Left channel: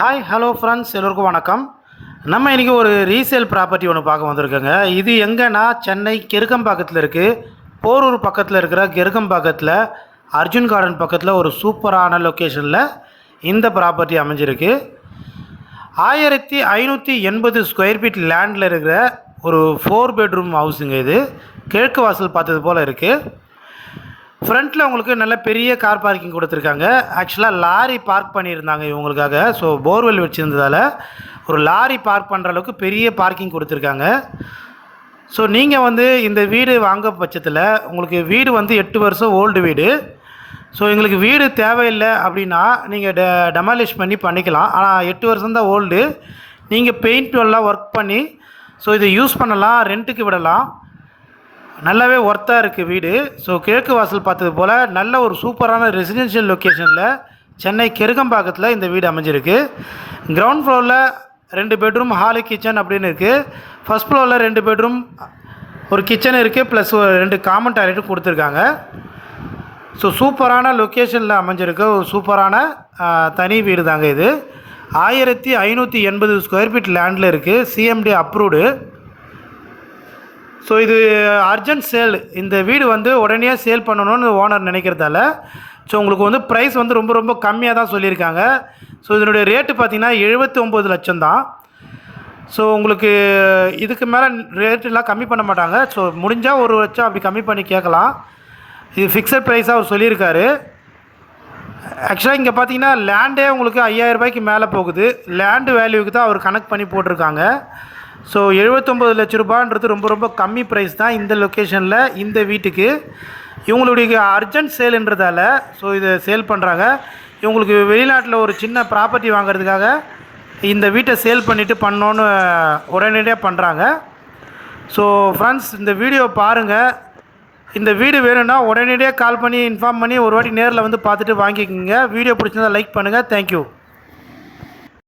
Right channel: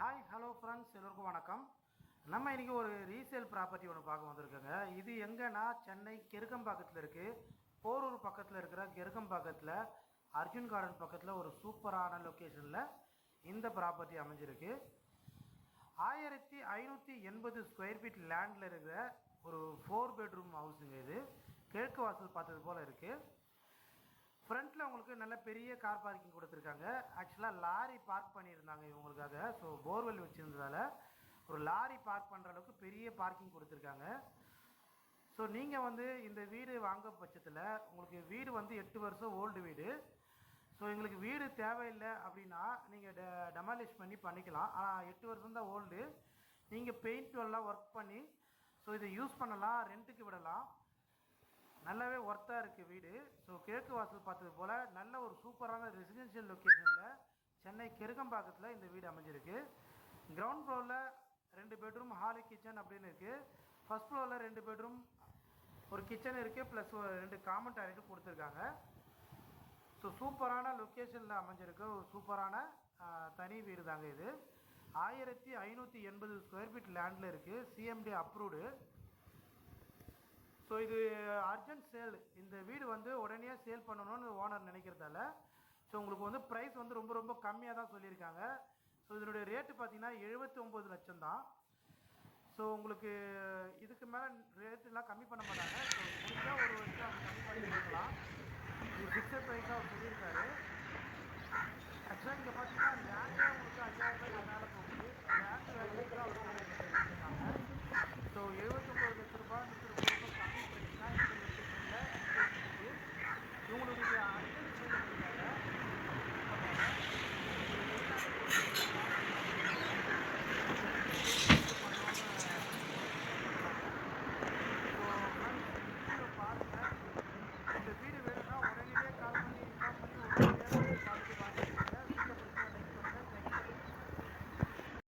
Hi hello friends எல்லோருக்கும் வணக்கம். நம்ம இன்றைக்கி ஒரு ரீசேல் ப்ராப்பர்ட்டி ஒன்று பார்க்க வந்திருக்கோங்க. இது எங்கன்னா? சென்னை கெருக்கம்பாக்கத்தில் இருக்குது போரூர் பக்கத்தில் இருக்கிற கெருக்கம்பாக்கத்தில் அர்ஜுன் கார்டன் பக்கத்தில் ஒரு சூப்பரான லொக்கேஷனில் இந்த ப்ராப்பர்ட்டி அமைஞ்சிருக்கு. ஆயிரத்தி ஐநூற்றி எண்பது ஸ்கொயர் ஃபீட் லேண்டில் இருக்கிற ஒரு ஃபோர் பெட்ரூம் ஹவுஸுங்க இது. கிழக்கு வாசல் பார்த்தது போல் இருக்குது ஃப்ரண்ட்டில் உங்களுக்கு நல்ல பெரிய கார் பார்க்கிங் கொடுத்துருக்காங்க. ஆக்சுவலாக லாரி பார்க் பண்ணியிருந்தாங்க இவங்களுக்காக. ஸோ போர்வெல் வச்சுருந்ததால் ஒரு லாரி பார்க் பண்ணுற அளவுக்கு பெரிய பார்க்கிங் கொடுத்துருக்காங்க. ஸோ நீங்கள் வந்து இந்த வீடு வாங்க பட்சத்தில் உங்களுக்கு வீடு வந்து எட்டு வருஷம் ஓல்டு வீடு. ஸோ எங்களுக்கு வீடு தேவையில்லை அப்படின்னா நீங்கள் டெ டெமாலிஷ் பண்ணி பண்ணிக்கலாம். ஆனால் எட்டு வருஷம் தான் ஓல்டு நீங்கள் பெயிண்ட் எல்லாம் ஒர்க் பண்ணி ஸோ இதை யூஸ் பண்ணலாம் ரெண்ட்டுக்கு விடலாம். நல்லாவே ஒர்த்தாக இருக்குது வீடு. ஸோ கிழக்கு வாசல் பார்த்தது போல் நல்ல ஒரு சூப்பரான ரெசிடென்ஷியல் லொக்கேஷனில் சென்னை கெருகம்பாக்கத்தில் இந்த வீடு அமைஞ்சிருக்கு. கிரவுண்ட் ஃப்ளோரில் ரெண்டு பெட்ரூம் ஹாலு கிச்சன் அப்படின்னு இருக்குது ஃபஸ்ட் ஃப்ளோரில் ரெண்டு பெட்ரூம் ஒரு கிச்சன் இருக்குது ப்ளஸ் ரெண்டு காமன் டாய்லெட்டும் கொடுத்துருக்காங்க. ஸோ சூப்பரான லொக்கேஷனில் அமைஞ்சிருக்க. ஒரு சூப்பரான தனி வீடு தாங்க இது. ஆயிரத்தி ஐநூற்றி எண்பது ஸ்கொயர் ஃபீட் லேண்டில் இருக்குது சிஎம்டி அப்ரூவ்டு ஸோ இது அர்ஜென்ட் சேல் இந்த வீடு வந்து உடனே சேல் பண்ணணும்னு ஓனர் நினைக்கிறதால ஸோ உங்களுக்கு வந்து ப்ரைஸ் வந்து ரொம்ப ரொம்ப கம்மியாக தான் சொல்லியிருக்காங்க. ஸோ இதனுடைய ரேட்டு பார்த்தீங்கன்னா எழுபத்தி ஒம்பது லட்சம் தான். ஸோ உங்களுக்கு இதுக்கு மேலே ரேட்டெலாம் கம்மி பண்ண மாட்டாங்க. ஸோ முடிஞ்சால் ஒரு லட்சம் அப்படி கம்மி பண்ணி கேட்கலாம். இது ஃபிக்ஸட் ப்ரைஸாக அவர் சொல்லியிருக்காரு. ஆக்சுவலாக இங்கே பார்த்தீங்கன்னா லேண்டே உங்களுக்கு 5000 ரூபாய்க்கு மேலே போகுது. லேண்டு வேல்யூக்கு தான் அவர் கனெக்ட் பண்ணி போட்டிருக்காங்க. ஸோ எழுபத்தொம்பது லட்ச ரூபான்றது ரொம்ப ரொம்ப கம்மி ப்ரைஸ் தான் இந்த லொக்கேஷனில் இந்த வீட்டுக்கு. இவங்களுடைய அர்ஜென்ட் சேலுன்றதால ஸோ இதை சேல் பண்ணுறாங்க இவங்களுக்கு வெளிநாட்டில் ஒரு சின்ன ப்ராப்பர்ட்டி வாங்குறதுக்காக இந்த வீட்டை சேல் பண்ணிவிட்டு பண்ணோன்னு உடனடியாக பண்ணுறாங்க ஸோ ஃப்ரெண்ட்ஸ் இந்த வீடியோ பாருங்கள் இந்த வீடு வேணும்னா உடனடியாக கால் பண்ணி இன்ஃபார்ம் பண்ணி ஒரு வாட்டி நேரில் வந்து பார்த்துட்டு வாங்கிக்கோங்க. வீடியோ பிடிச்சிருந்தா லைக் பண்ணுங்கள் தேங்க்யூ